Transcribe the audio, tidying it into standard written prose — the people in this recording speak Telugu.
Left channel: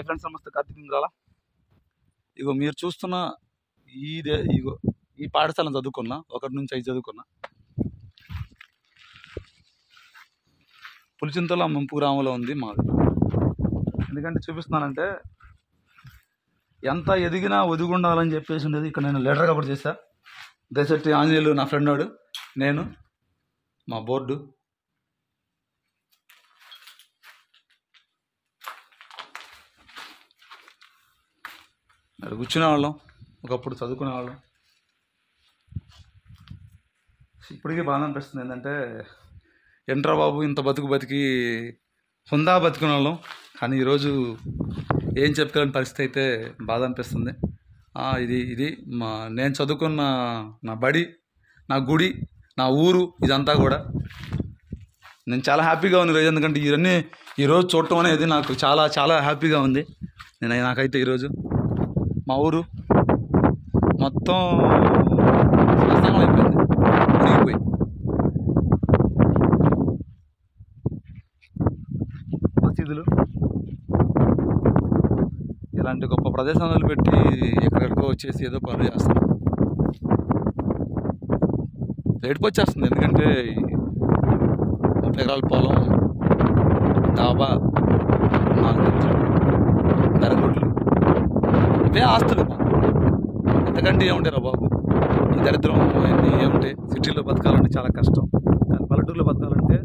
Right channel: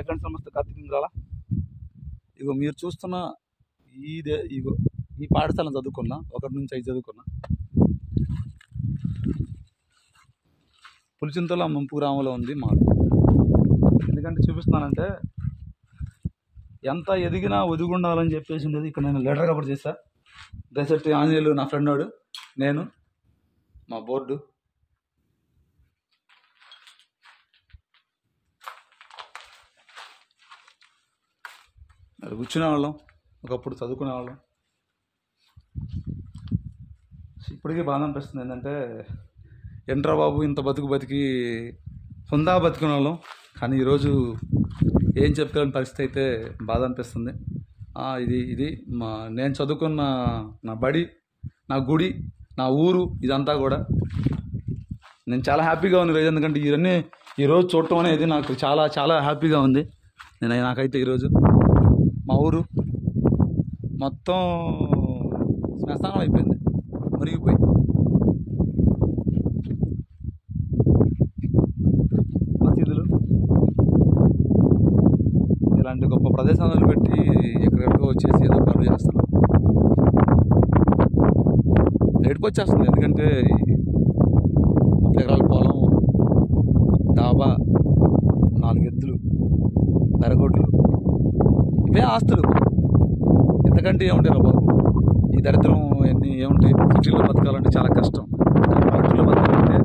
హై ఫ్రెండ్స్, నమస్తే. కార్తీక్ ఇంద్రాల. ఇగో మీరు చూస్తున్న ఇగో ఈ పాఠశాలను చదువుకున్నా, 1 నుంచి 5 చదువుకున్నా. పులిచింతల ముంపు గ్రామంలో ఉంది మాది. ఎందుకంటే చూపిస్తున్నానంటే ఎంత ఎదిగినా ఒదిగుండాలని చెప్పేసి ఉండేది. ఇక్కడ నేను లీడర్గా కూడా చేశా. దశెట్టి ఆంజనేయులు నా ఫ్రెండ్ వాడు, నేను, మా బోర్డు. కూర్చునే వాళ్ళం, ఒకప్పుడు చదువుకునే వాళ్ళం. ఇప్పటికీ బాధ అనిపిస్తుంది. ఏంటంటే ఎంట్రా బాబు ఇంత బతికి హుందా బతుకునే వాళ్ళం, కానీ ఈరోజు ఏం చెప్పుకోలేని పరిస్థితి అయితే బాధ అనిపిస్తుంది. ఇది నేను చదువుకున్న నా బడి, నా గుడి, నా ఊరు, ఇదంతా కూడా నేను చాలా హ్యాపీగా ఉంది ఈరోజు. ఎందుకంటే ఇవన్నీ ఈరోజు చూడటం అనేది నాకు చాలా చాలా హ్యాపీగా ఉంది. నాకైతే ఈరోజు మా ఊరు మొత్తం శ్మశానం అయిపోయింది, మునిగిపోయి. మసీదులు ఇలాంటి గొప్ప ప్రదేశాలు పెట్టి ఎక్కడెక్కడికో వచ్చేసి ఏదో పనులు చేస్తున్నాం. ఏడుపు వచ్చేస్తుంది. ఎందుకంటే 30 ఎకరాల పొలం, డాబా, 4 ఎత్తులు, దరగొడ్లు, ఇవే ఆస్తులు. ఎంతకంటే ఏముంటాయి రా బాబు, ఈ దరిద్రం అన్నీ ఏముంటాయి. సిటీలో బతకాలంటే చాలా కష్టం, కానీ పల్లెటూరులో బతకాలంటే